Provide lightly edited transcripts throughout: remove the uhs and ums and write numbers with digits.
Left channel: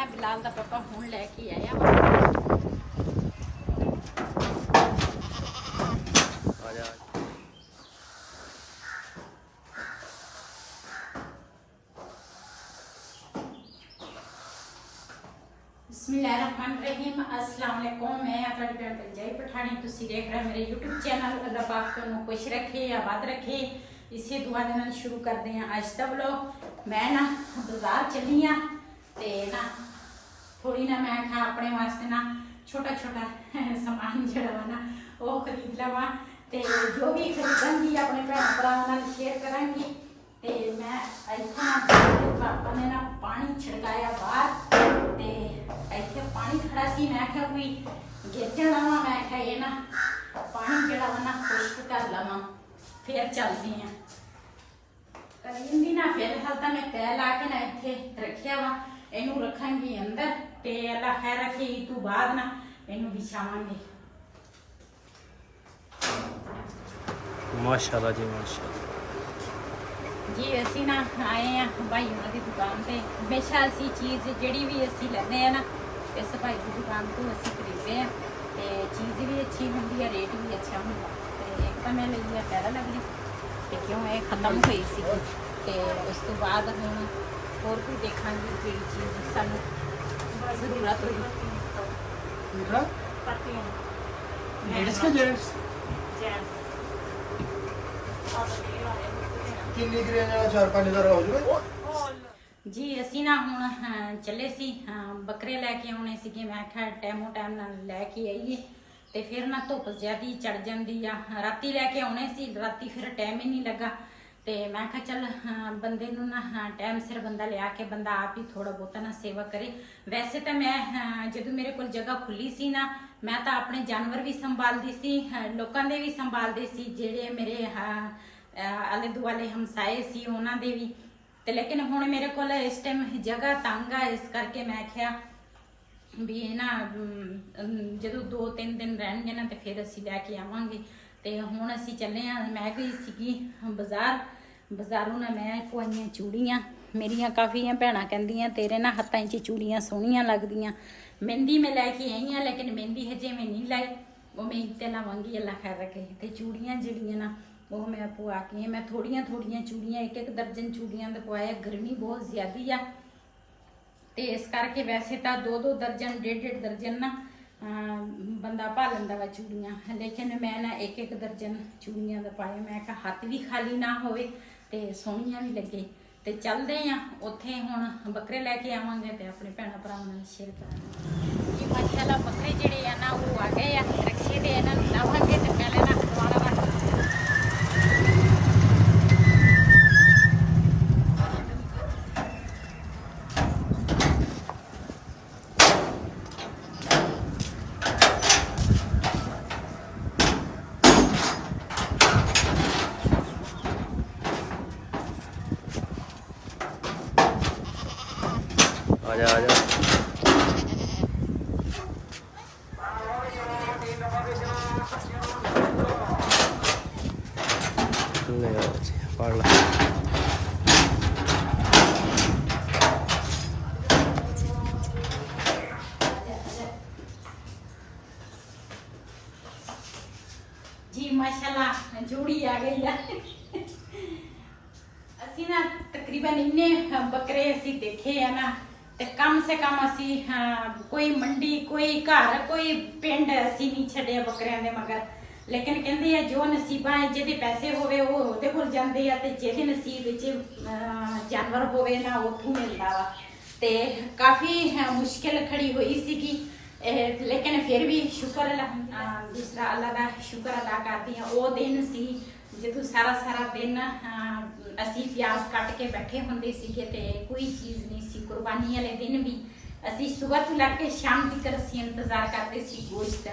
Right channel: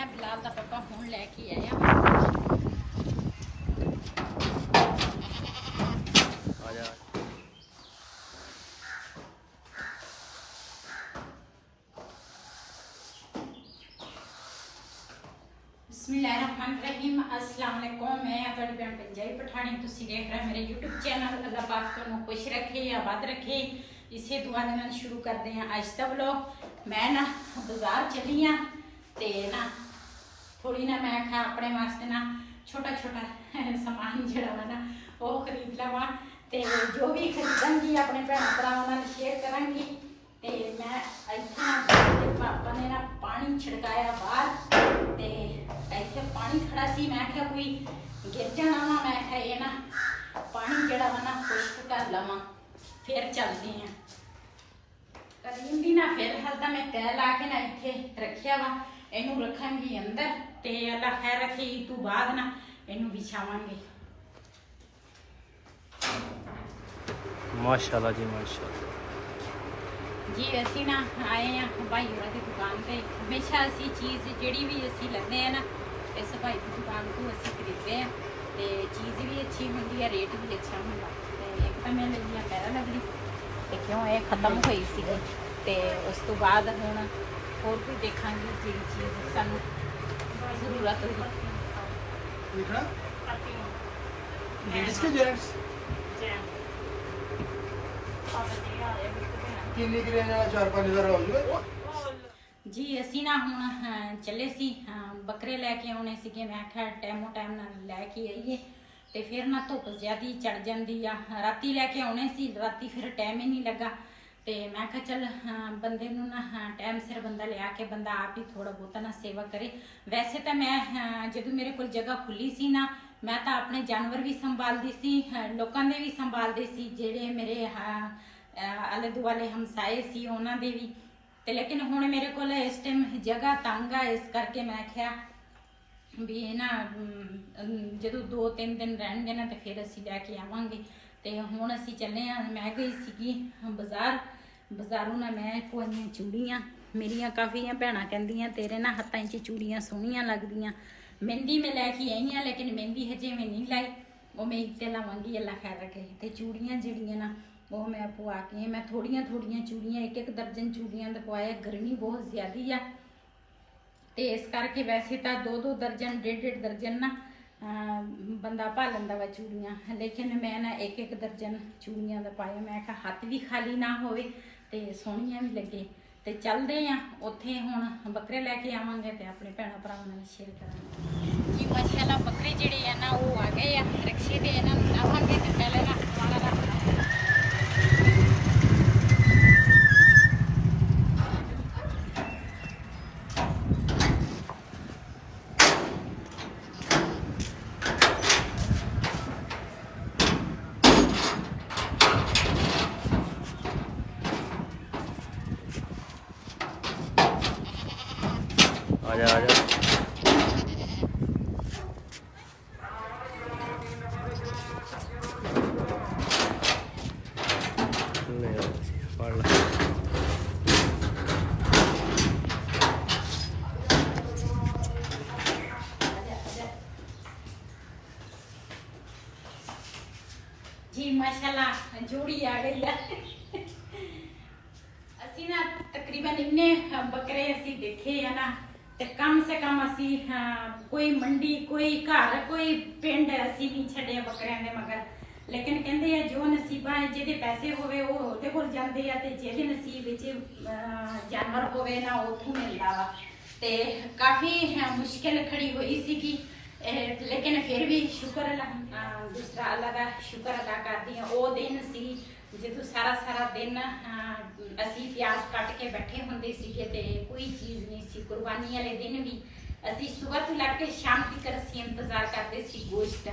ना बिलाल दा पापा हुण लैके आया। बिस्मिल्लाहिर्रहमानिर्रहीम। अस्सलाम वालेकुम। मैं तुहाडी भैन पंजाबी पठानी, तुसीं देख रहे मेरे यूट्यूब चैनल। अल्लाह पाक तुहानूं खुश रखे, आबाद रखे, इसे दुआ दे नाल शुरू करते हैं अज दा व्लॉग। मैं ना बाजार चली हाँ ते ना थोड़ी ना मैं आखा अपने वास्ते ना छोटा छोटा समान जिहड़ा वा ना वो खरीद लवां ते जो भी खरीदांगी अपने भैन भरावां नाल शेयर करांगी। ते मैं इत्थे पापा ने ना पानी छिड़काया बाहर ते इत्थे पानी खड़ा सी। मैं आख्या कोई गिर जाना वा, मैं आख्या ये ना पानी जिहड़ा वा ना खुश्क कर लवां फिर चलदी हैं करींदी ना। फिर हाल तो मैं तय ला के ना इत्थे रखिया वा, इनू रखांगी अंदर ते अल्लाह खैर रखे ईद तो बाद ना इनू बिछावांगे। माशाल्लाह जी माशाल्लाह जी। असी ना आए हैं भाई उन्होंने की दुकान पे। हमेशा असी चीज़ जी भी असी लेने हैं ना इस भाई की दुकान तो असी खरीदते हैं तो चीज़ भी अच्छी होंगी है, रेट भी अच्छा होंगे। तो एक तो मैं ली है पैरा लगनी तो क्यों ये खत्म हुई सी तो उस तो बाद हूँ होर भी देखा जी चीज़ सानू जरूरत होगी। जी असी ना हुण चले सी बकरे लैके आने सीगे। मैं आख्या टाइमो टाइम नाल लैके आईए तो फिर ना धुप ज्यादा चढ़ जाती आ। राती लैके आने सी, राती फिर टाइम ही नहीं लगा तो मैं आख्या चल बंदे नूं ना टाइम सिर बंदा लिया के बंदा आप ही थोड़ा बहुता ना सेवा करे। वैसे तो मैं जदों मेरे को जगह खुली सी ना मैं तो अपने जानवर भी संभालती सी, लोगों दे भी संभालती सी, जेड़े मेरे आले दुआले हमसाए सी उन्हां दे भी। ते लेकिन हुण मेरे को इस टाइम जगह तंग आ, इस करके मैं आख्या भी ना जदों 2-3 दिन रहणगे ना तो फिर असी लैके आवांगे। तो हुण असी चले हाँ। मैं गई सीगी बाजार, बाजारों ना मैं पवाइयां चूड़ियाँ। मेरिया काफ़ी भैणां कहंदियां तेरे ना हत्थां 'च चूड़ियाँ सोहणियां लगदियां। मेहंदी मैं लैके आई हाँ लेकिन मेहंदी हजे मैं नहीं लाई, वो मैं ईद ते लावांगी अल्लाह खैर रखे। तो चूड़ियाँ जिहड़ियां ना वो मैं पवा के मैं थोड़ियां थोड़ियां चूड़ियाँ 1-1 दर्जन चूड़ियाँ दा पवाया। गर्मी बहुत ज़्यादा आ तो इस करके वैसे तो 2-2 दर्जन 1.5 दर्जन ना बंदा पा लैंदा वा चूड़ियाँ, लेकिन मैं ना 1-1 दर्जन चूड़ियाँ दा पाया। मैं कहा हाथ भी खाली ना होवे ते सोहणियां भी लगे। तो चलते हैं उत्थे हुण बकरे लैके आवांगे तो अपने भैणों भरावां नाल शेयर करांगे जी। माशाअल्लाह बकरे जिहड़े आ ना वो आ गए आ रक्शे ते इन्हां नूं लावांगे तो पहले ना खाना रख आजा आजा ले आओ जी पढ़ ला। जी माशाल्लाह जोड़ी आ गई है। असी ना तकरीबन इन्ने बकरे असी देखे है ना ते कम से कम असी कोई मंडी कोई घर कोई पिंड असी नहीं छड़े बकरियां दे मगर। लेकिन कहंदे है जो नसीबा है जेदे पैसे होवे वो ओदे कोल जांदे आ ते जेदे नसीब विच जानवर होवे ना उत्थों मिलदा वा। ते काफ़ी मुश्किल खड़ी हुई सीगी लेकिन फिर भी शुक्र दूसरा अल्लाह का शुक्र अदा करती हैं। वो दिन सी जो सारा सारा दिन असी प्याज कट के बैठे होंदे सीगे ते कोई चीज़ नहीं सी। कुर्बानी वाले दिन भी असी सुबह तो लग के शाम तक असी इंतजार करते सी गोश्त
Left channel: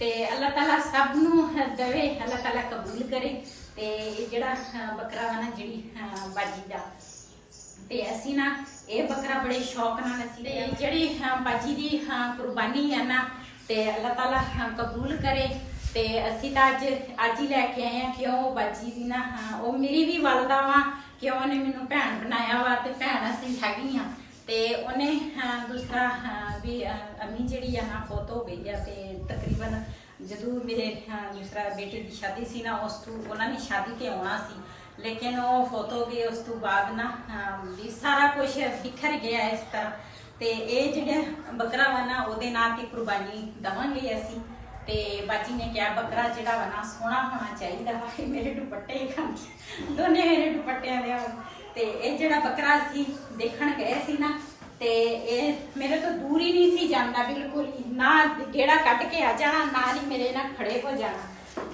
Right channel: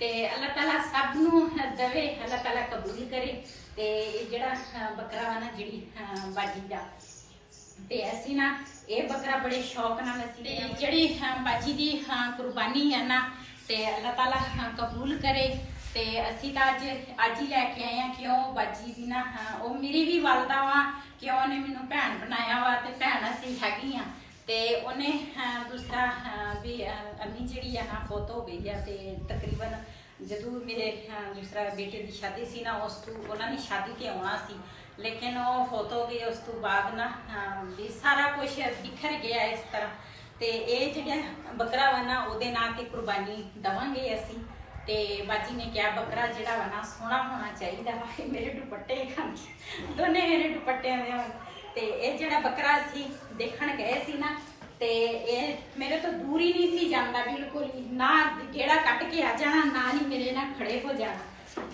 ते अल्लाह ताला सब नूं दवे, अल्लाह ताला कबूल करे। ते जिहड़ा बकरा वा ना जिहड़ी बाजी दा ते असी ना ये बकरा बड़े शौक नाल असी जिहड़ी बाजी दी कुर्बानी है ना ते अल्लाह ताला कबूल करे। ते असी तो अज ही लैके आए हैं क्यों बाजी दी ना वो मेरी भी वालदा वा क्यों ने मैनू भैन बनाया वा ते भैन असी हैगी हाँ ਤੇ ਉਹਨੇ ਦੂਸਰਾ ਵੀ ਅੰਮੀ ਜਿਹੜੀ ਆ ਨਾ ਫੌਤ ਹੋ ਗਈ ਆ। ਤੇ ਤਕਰੀਬਨ ਜਦੋਂ ਮੇਰੇ ਦੂਸਰਾ ਬੇਟੇ ਦੀ ਸ਼ਾਦੀ ਸੀ ਨਾ, ਉਸ ਤੋਂ ਉਹਨਾਂ ਨੇ ਸ਼ਾਦੀ ਤੇ ਆਉਣਾ ਸੀ, ਲੇਕਿਨ ਉਹ ਫੌਤ ਹੋ ਗਈ। ਉਸ ਤੋਂ ਬਾਅਦ ਨਾ ਵੀ ਸਾਰਾ ਕੁਝ ਬਿਖਰ ਗਿਆ ਇਸ ਤਰ੍ਹਾਂ। ਤੇ ਇਹ ਜਿਹੜਾ ਬੱਕਰਾ ਵਾ ਨਾ, ਉਹਦੇ ਨਾਂ ਤੇ ਕੁਰਬਾਨੀ ਦੇਵਾਂਗੇ ਅਸੀਂ। ਤੇ ਬਾਜੀ ਨੇ ਕਿਹਾ ਬੱਕਰਾ ਜਿਹੜਾ ਵਾ ਨਾ ਸੋਹਣਾ ਹੋਣਾ ਚਾਹੀਦਾ ਵਾ। ਇਹ ਮੇਰੇ ਦੁਪੱਟੇ ਹੀ ਖਾਂਦੇ, ਦੋਨੇ ਮੇਰੇ ਦੁਪੱਟਿਆਂ ਦੇ ਆ। ਤੇ ਇਹ ਜਿਹੜਾ ਬੱਕਰਾ ਸੀ ਦੇਖਣ ਗਏ ਸੀ ਨਾ, ਤੇ ਇਹ ਮੇਰੇ ਤੋਂ ਦੂਰ ਹੀ ਨਹੀਂ ਸੀ ਜਾਂਦਾ ਬਿਲਕੁਲ ਹੀ, ਨਾ ਗੇੜਾ ਕੱਢ ਕੇ ਆ ਜਾਣਾ, ਨਾ ਹੀ ਮੇਰੇ ਨਾਲ ਖੜੇ ਹੋ ਜਾਣਾ।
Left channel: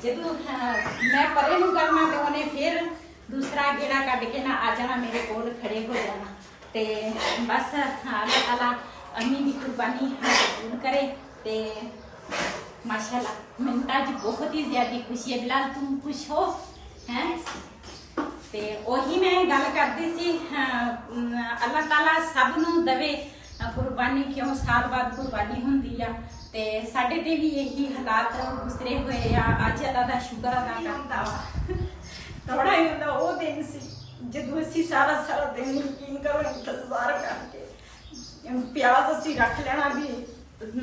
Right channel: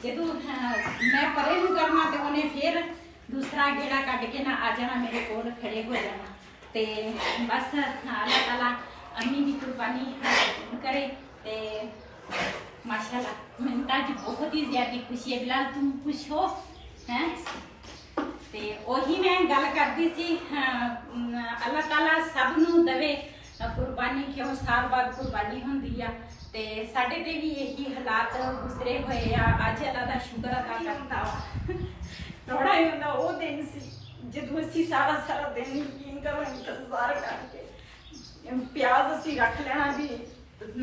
ਜਦੋਂ ਮੈਂ ਪਰੇ ਨੂੰ ਕਰਨਾ ਤੇ ਉਹਨੇ ਫਿਰ ਦੂਸਰਾ ਗੇੜਾ ਕੱਢ ਕੇ ਨਾ ਆ ਜਾਣਾ, ਮੇਰੇ ਕੋਲ ਖੜੇ ਹੋ ਜਾਣਾ। ਤੇ ਬਸ ਅੱਲਾਹ ਤਾਲਾ ਅੰਮੀ ਦੀ ਕੁਰਬਾਨੀ ਕਬੂਲ करे। ਤੇ माशाल्लाह ਮੈਨੂੰ ਤਾਂ ਅੱਜ ਬਹੁਤ ਹੀ ਜ਼ਿਆਦਾ ਖੁਸ਼ੀ ਹੈ। ਬਿਲਾਲ ਤੂੰ ਖੁਸ਼ ਹੋ ਹੈ? ਤੇ ਉਹੀ ਮੈਂ ਗੱਲ ਕਰਦੀ ਸੀ, ਅੱਲਾਹ ਤਾਲਾ ਸਭ ਨੂੰ ਦਵੇ ਕੁਰਬਾਨੀ, ਕਿਉਂ ਸਾਲ ਬਾਅਦ ਕੁਰਬਾਨੀ ਹੁੰਦੀ ਆ। ਤੇ ਸਾਡੇ ਤੇ ਵੀ ਇਹੀ ਹਾਲਾਤ ਗੁਜ਼ਰੇ ਹੋਏ ਆ। ਅੱਜ ਅੱਲਾਹ ਦਾ ਸ਼ੁਕਰ ਅਦਾ ਕਰਦਾ ਵਾ। ਥੋੜਾ ਹੀ ਹੁੰਦਾ ਉਹ ਦਿਨ ਸੀ ਜਦੋਂ ਅਸੀਂ ਸਾਰਾ ਦਿਨ ਯਕੀਨ ਕਰੋ ਇੰਤਜ਼ਾਰ ਕਰਕੇ ਪਿਆਜ਼ ਅਸੀਂ ਰੱਖ ਲੈਣਾ ਵੀ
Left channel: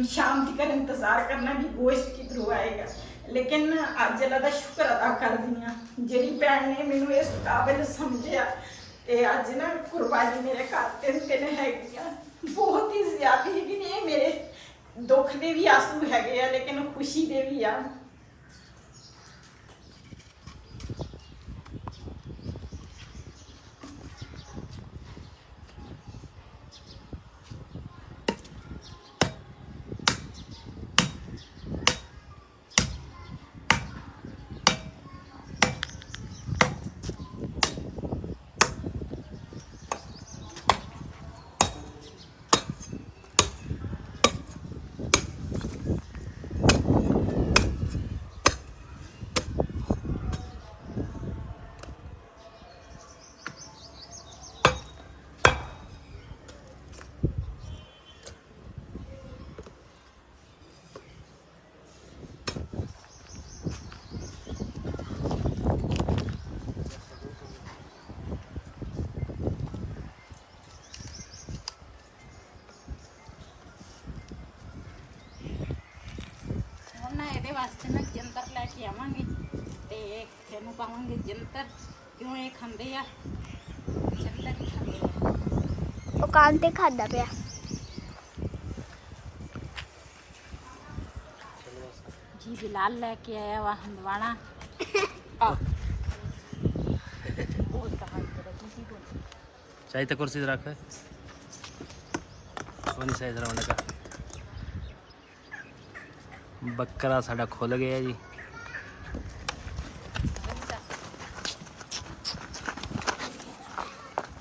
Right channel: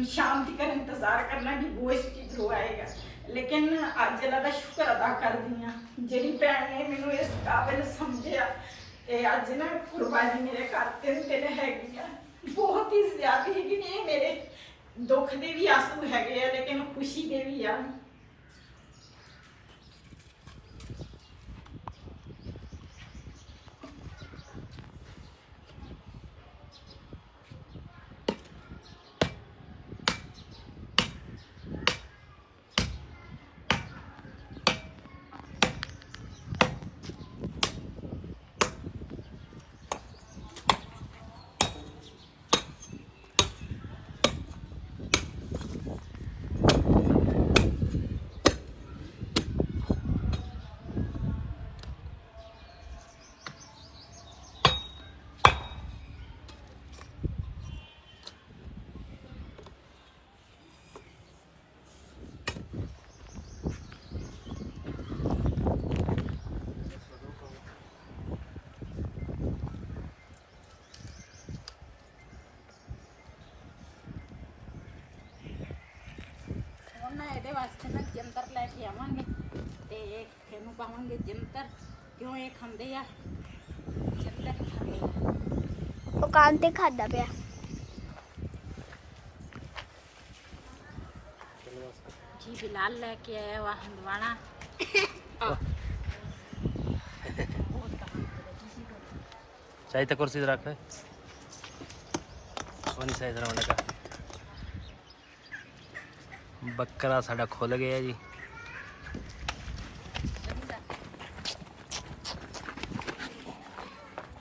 शाम तक इंतजार करना कि गोश्त किधरों आएगा। लेकिन अज अल्लाह दा शुक्र अदा करदी हां जेड़ी भैन ने मैनू इस काबिल समझिया। ते अज ना कुर्बानी मेरे घर ते हैगी आ बहुत ही ज्यादा ही नहीं। मेरे दुख दे भी आंसू हैगे आ, लेकिन खुशी दे भी आ। ਇਹਦੇ ਵਾਸਤੇ ਨਾ ਜੰਤਰ ਲੈ ਕੇ ਆਵਾਂਗੇ ਤੇ ਇਹਨੂੰ ਪਾਵਾਂਗੇ ਜੰਤਰ। ਕਿਉਂ ਇਹ ਖਾਂਦੇ ਆ ਜੰਤਰ ਹੀ ਖਾਂਦੇ ਆ। ਉਹ ਕਾਂ ਤੇ ਖਾਦਾ ਪਿਆ ਜੀ। ਬਿਲਾਲ ਲੈ ਕੇ ਆਇਆ ਵਾ ਹੰਦਵਾਣਾ। ਚਾਹੀਦਾ ਕੁਰਸੀ ਤੇ ਰੱਖ, ਉਹ ਨਹੀਂ ਸਹੀ ਤਰ੍ਹਾਂ ਲੱਗਾ। ਬੱਕਰਾ ਸਾਡਾ ਖੁੱਲ ਗਿਆ ਜੀ।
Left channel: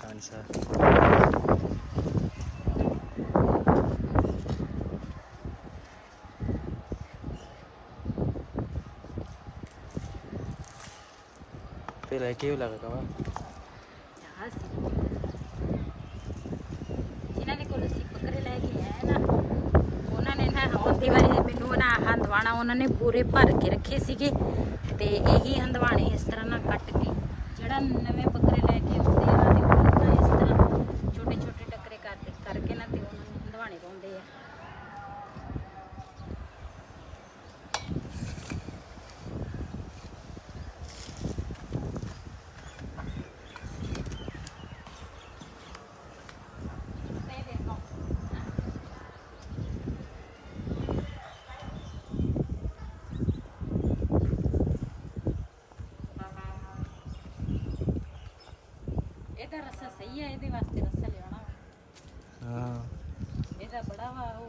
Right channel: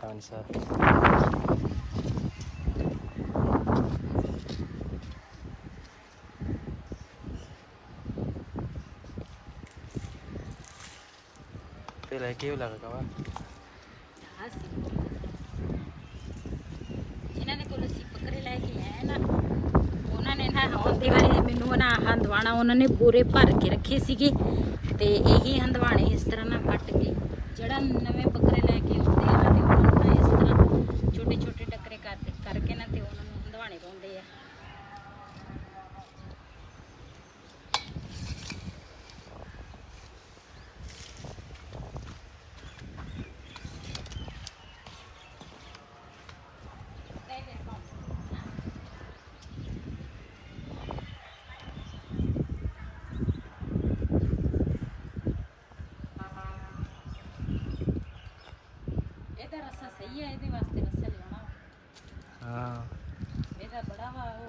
ਹਾਂਜੀ ਸਰ। फिर क्यों लगा वा ਜਿਨ੍ਹਾਂ ਦੇ ਕੋਲ ਅਸੀਂ ਬੱਕਰੇ ਲੈ ਕੇ ਆਏ ਨਾ, ਉਹਨਾਂ ਨੇ ਨਾ ਆਉਂਦੇ ਵਾਰੀ ਮੈਨੂੰ ਨਾ ਹੰਦਵਾਣਾ ਉਹਨਾਂ ਨੇ ਪੂਰੇ ਭਰ ਕੇ ਰੱਖੇ ਸੀਗੇ। ਤੇ ਇਹੀ ਹੰਦਵਾਣੇ ਇਸ ਤਰ੍ਹਾਂ ਨਾ ਕੱਟ ਕੇ, ਜਿਹੜਾ ਨਵੇਂ ਬੱਕਰੇ ਲੈ ਕੇ ਆਉਂਦੇ ਆ ਤੇ ਉਹਨਾਂ ਨੂੰ ਇਸ ਤਰ੍ਹਾਂ ਛੋਟੇ ਛੋਟੇ ਟੁਕੜੇ ਕਰਕੇ ਨਾ ਤੇ ਉਹਨਾਂ ਨੂੰ ਹੰਦਵਾਣੇ ਪਾਉਂਦੇ ਆ। ਇਹਦਾ ਰਸਾ ਸਹੀ ਹੈ, ਇਹਦੇ ਵਾਸਤੇ ਰਸਾ ਲਿਆਉਣਾ ਵਾ। हाँ ਇਹਦਾ ਬੜਾ ਵਾ ਉਹ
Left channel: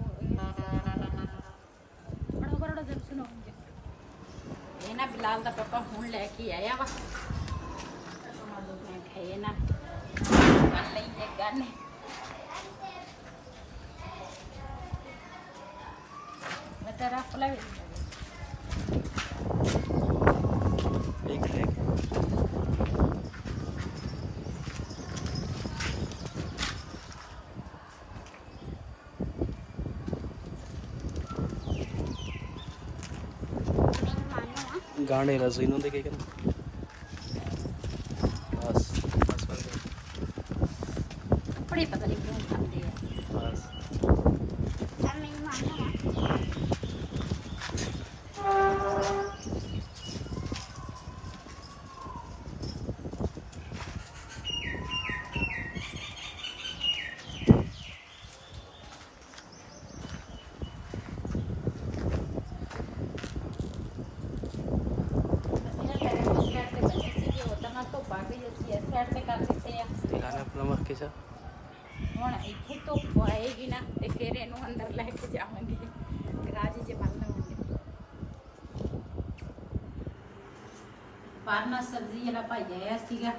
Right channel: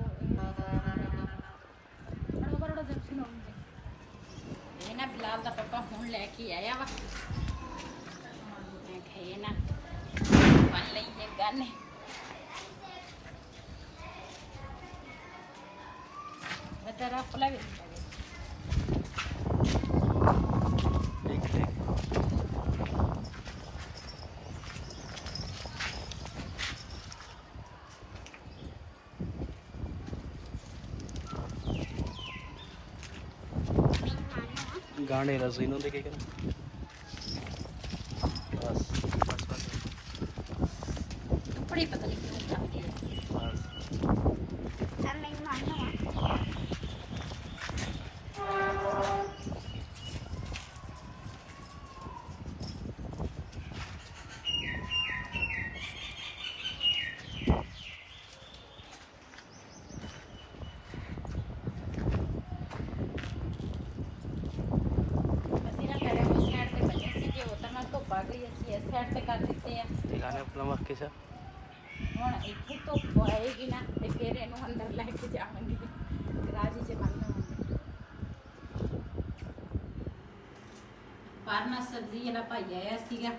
ਬੜਾ ਜਨ ਸੁਣਾਉਂਦੇ। ਇਹ ਨਾ ਬਿਲਾਲ ਦਾ ਪਾਪਾ ਹੁਣ ਲੈ ਕੇ ਆਇਆ ਵਾ। ਮੈਂ ਖਾਏ ਨਾ ਬਣ ਲਈ ਇਹ ਗਾਨੇ। ਮੈਂ ਤੇਰਾ ਫਲਾ ਵੀ ठीक ठीक। गाने रसोई ਨੂੰ ਦੇ ਕੇ ਬਸ ਬਸ ਬਸ ਕੱਪੜੇ ਪਤਾ ਨਹੀਂ ਕਿਉਂ ਖਾਂਦੇ ਆ। ਏਸੀ ਇਸ ਸਾਈਡ ਤੇ ਕਰ ਦਿੱਤੇ ਆ। ਦਿਖਾਣੇ ਪਲਮਰ ਕੇ ਸਾ ਹੁਣ ਇੱਥੇ ਧੁੱਪ ਆਏਗੀ ਨਾ ਤੇ ਫਿਰ ਇਹਨੂੰ ਅੰਦਰ ਲੈ ਕੇ ਜਾਵਾਂਗੇ, ਗਰਾਜ 'ਚ ਬੰਨ ਲਵਾਂਗੇ। ਬਾਹਰ ਨਾ ਸਬਜ਼ੀ ਵਾਲਾ ਭਾਈ ਆਇਆ ਸੀਗਾ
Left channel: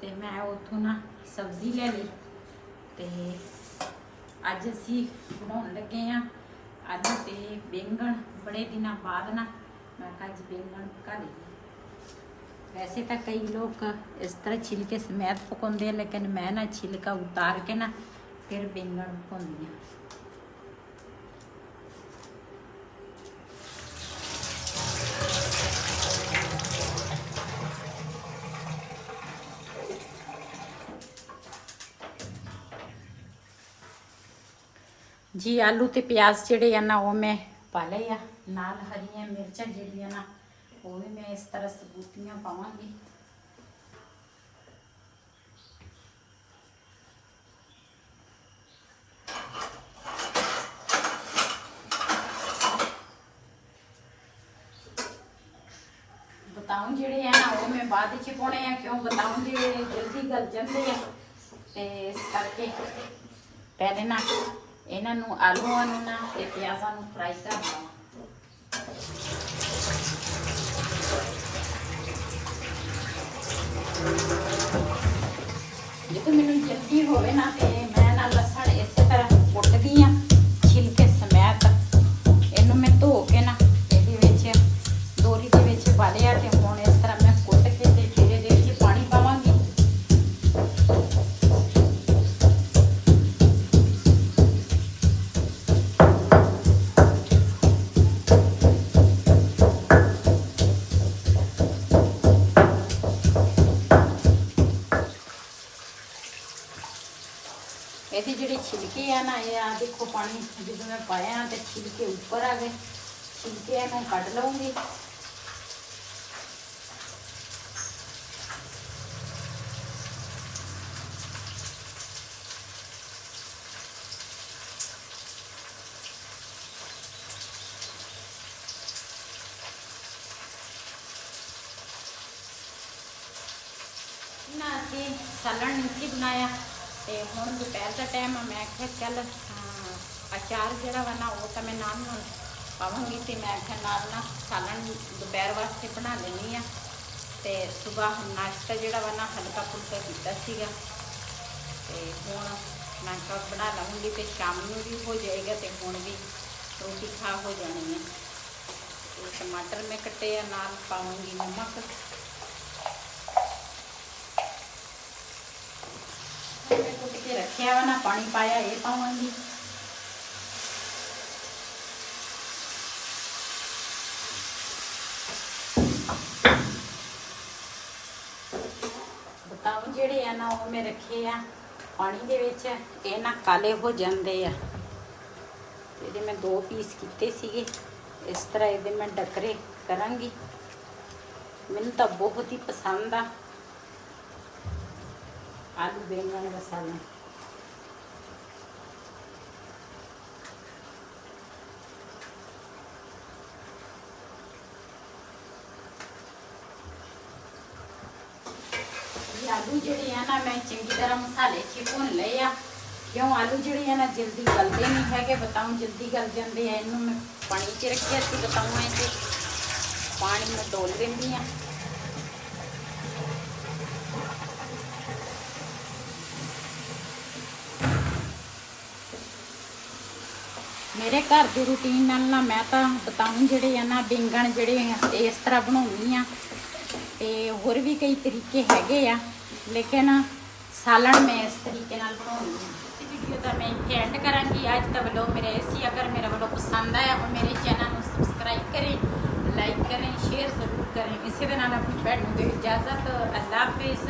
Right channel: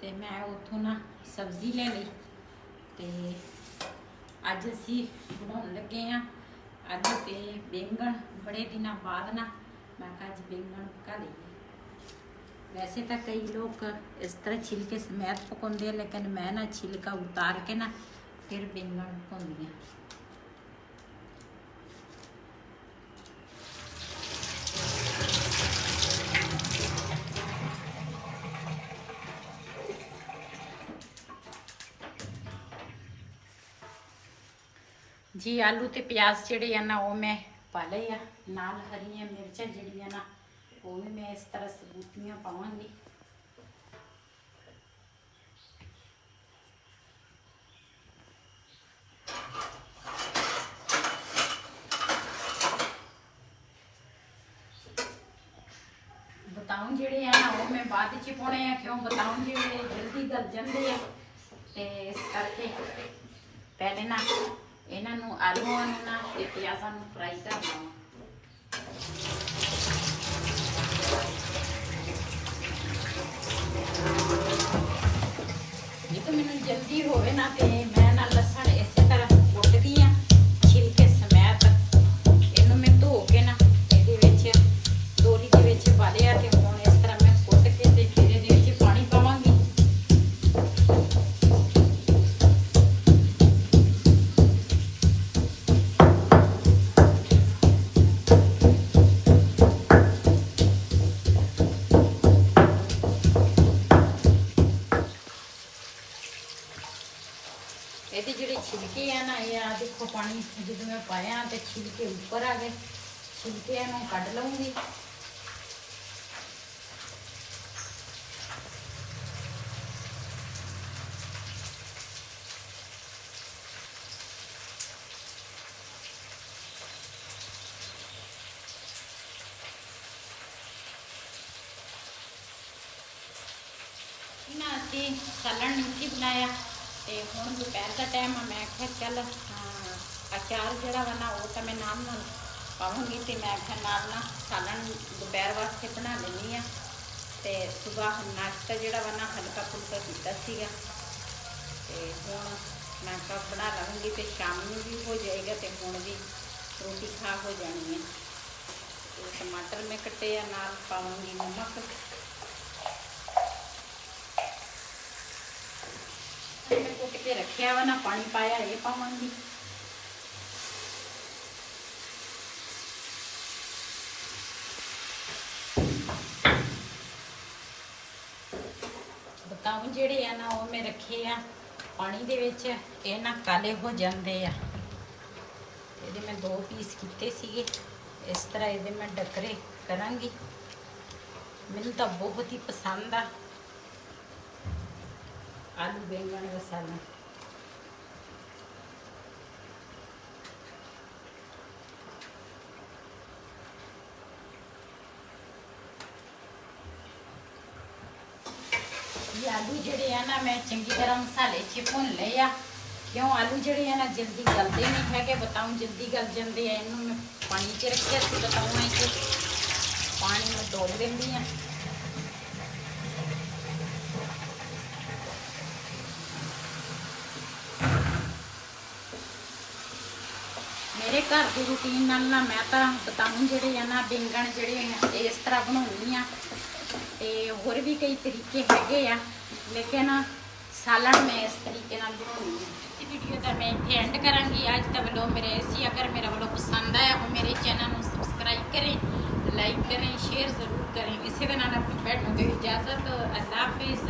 ਤੇ ਮੈਂ ਉੱਥੋਂ ਨਾ ਸਬਜ਼ੀ ਲੈ ਲਈ ਤੇ ਅੱਜ ਅਸੀਂ ਬਣਾਉਣ ਲੱਗੇ ਆ ਆਲੂ ਤੇ ਬੈਂਗਣ। ਬੜੇ ਦਿਨਾਂ ਬਾਅਦ ਨਾ ਮੈਂ ਕਿਹਾ ਅੱਜ ਬੈਂਗਣ ਪਕਾ ਲਈਏ। वैसे तो कई लोग इस तरह छिलके समेत पकाते हैं, लेकिन मैं ना छिलका उतार के ना फिर बैंगन पकाती हूँ। जी आलू ते प्याज जिहड़े आ ना वो मैं पा लए आ, नाल हरियां मिर्चां जिहड़ियां ना वो भी मैं इस तरह सबूतियां पावांगी। बताऊं जिहड़े है ना वो मैं बाद च पाने हैं, क्यों बताऊं जिहड़े जल्दी गल जाते हैं ते इस करके पहले ना इन्हां नूं आलूआं नूं ना ते प्याज़ां नूं फ्राई कर लवां। जो मैनूं जल्दी होवे ना ते मैं ना लसण इस तरह कुटदी आ छिलके समेत। इहनूं मैं धो के ना इहदे विच डोरी दे विच पा लिया ते हुण इस तरह मैं कुट के ते फिर इहदे विच पानी पावांगी। ਇਹਦੀ ਜਿਹੜੇ ਛਿਲਕੇ ਆ ਨਾ ਇਹ ਆ ਦੇਖੋ ਪਾਣੀ ਜਦੋਂ ਮੈਂ ਪਾਇਆ ਤੇ ਛਿਲਕੇ ਉੱਪਰ ਆ ਗਏ, ਛਿਲਕਿਆਂ ਨੂੰ ਕੱਢ ਲਵਾਂਗੀ। ना ਅਸੀਂ ਸਾਲਣ ਨਹੀਂ ਸੀ ਬਣਾਇਆ ਤੇ ਹੁਣ ਦੁਪਹਿਰ ਦਾ ਟਾਈਮ ਆ, ਮੈਂ ਕਿਹਾ ਚੱਲ ਅਚਾਰ ਜਿਹੜਾ ਵਾ ਨਾ ਉਹ ਤਾਂ ਮੈਂ ਨਾਲ ਨਾਲ ਪਾਵਾਂਗੀ ਤੇ ਮੈਂ ਕਿਹਾ ਨਾਲ ਨਾ ਸਾਲਣ ਦੁਪਹਿਰ ਵਾਸਤੇ ਬਣਾ ਲੈਣੀ ਆ। ਤੇ ਸਵੇਰ ਨਾਸ਼ਤਾ ਜਿਹੜਾ ਵਾ ਨਾ ਹਲਕਾ ਫੁਲਕਾ ਕੀਤਾ ਸੀਗਾ ਤੇ ਹੁਣ ਮੈਂ ਕਿਹਾ ਬਣਾ ਲਵਾਂਗੀ ਤੇ ਸ਼ਾਮ ਨੂੰ ਵੀ ਹੋ ਜਾਏਗਾ ਤੇ ਹੁਣ ਵੀ ਰੋਟੀ ਖਾ ਹੋ ਜਾਣੀ ਹੈ। ਤੇ ਟਮਾਟਰ ਮੈਂ ਕੱਟੇ ਆ, ਨਾਲ ਪਾਵਾਂਗੀ ਨਮਕ। मैं कुट के रखा वा ना पानी पाया ये पावांगी। बताऊं जेड़े आ ना वो मैं रखे आ पानी दे विच, ये ना काले हो जाते हैं। ये मैं 2 पीस किए सीगे, इस तरह ये मैं डकरे करांगी। मैनूं तो बहुत ही पसंद आ आलू बैंगन का सालन। ये आलू जिहड़े आ ना मैं चंगी तरह मसाले च भुन लए आ, क्यों आलू जिहड़े आ ना जल्दी गलते नहीं है। बताऊं जल्दी गल जाते हैं। इन्हूं मैं पानी च रखिया सी, बताऊं मैं कि पानी में डोल देंदी आ। मेरे घर की रूटीन नाल ना मैं तो बताऊं जिहड़े आ ना बैंगन जिहड़े इस तरह बनाउंदी आ ते होर भी कई तरीके हैगे आ, लेकिन सालन मैं इस तरीके नाल बनाउंदी आ। वीडियो का मैं इत्थे एंड करांगी। अज दा व्लॉग मेरे ऐसी अगर मेरा व्लॉग पसंद आया और मेरे चैनल को सबसक्राइब करें, लाइक करें, शेयर जरूर करें। इसी दे नाल अपनी भैन नूं दे इजाजत। अल्लाह हाफिज़।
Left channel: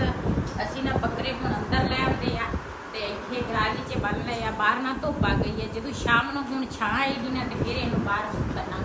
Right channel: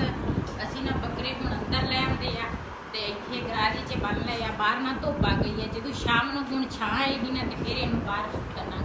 असीं ना बकरे हुण अंदर ले आंदे आ ਤੇ ਇੱਥੇ ਗਰਾਜ 'ਚ ਬੰਨ ਲਿਆ। ਬਾਹਰ ਨਾ ਧੁੱਪ ਆ ਗਈ ਹੈ, ਜਦੋਂ ਸ਼ਾਮ ਨੂੰ ਹੁਣ ਛਾਂ ਆਏਗੀ ਨਾ ਤੇ ਫਿਰ ਇਹਨੂੰ ਬਾਹਰ ਬੰਨਾਂਗੇ।